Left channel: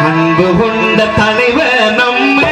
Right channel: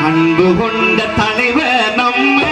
அன்பு கொண்ட தலைவர் நம்ம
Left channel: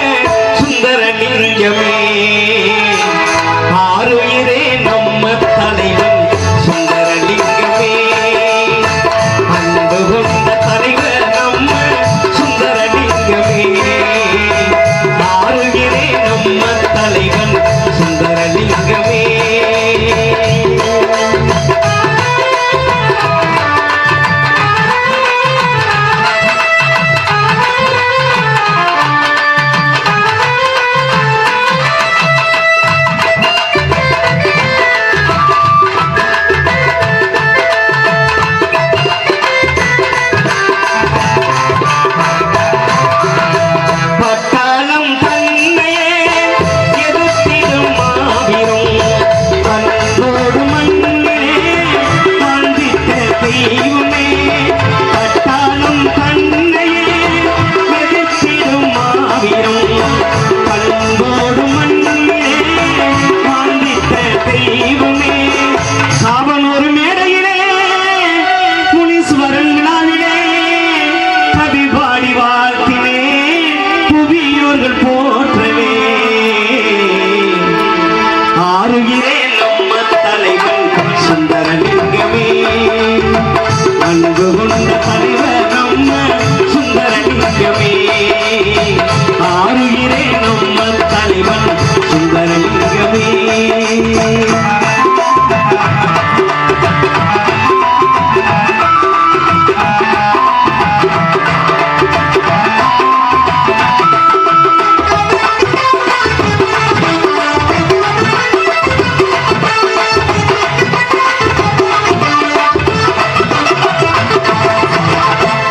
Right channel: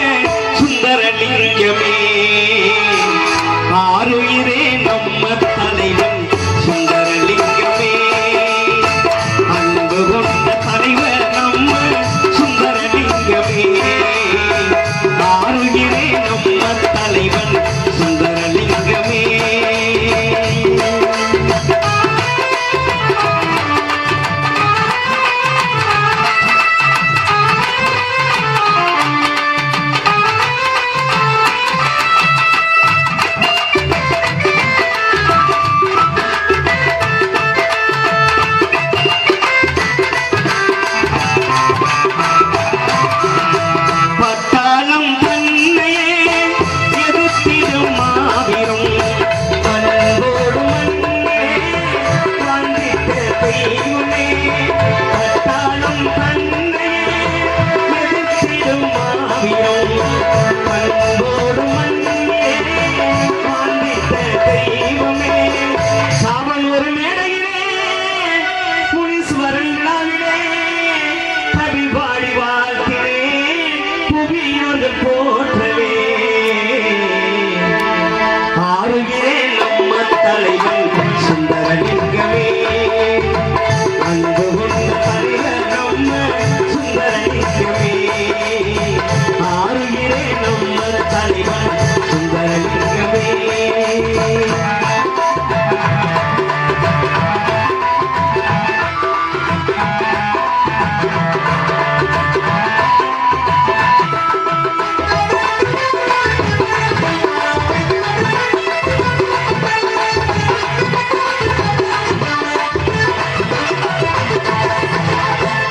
Thank you.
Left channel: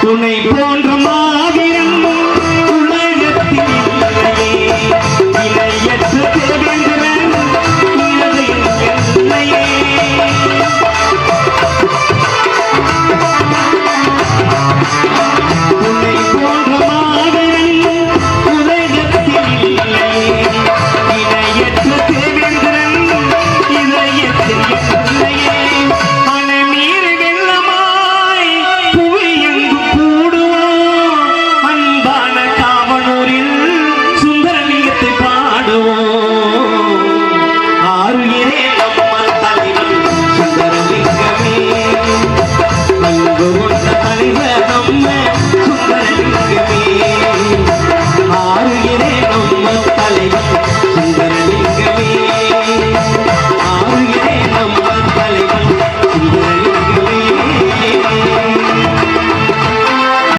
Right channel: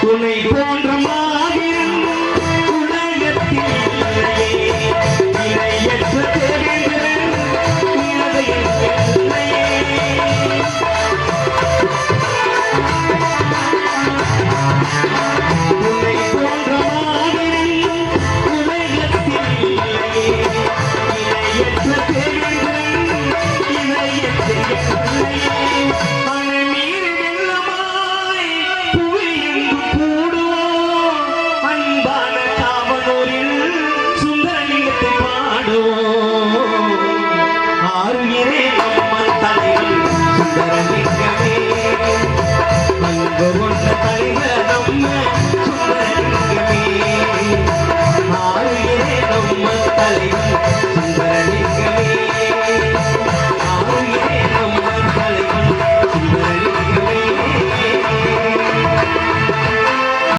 உன்னை போன்ற மா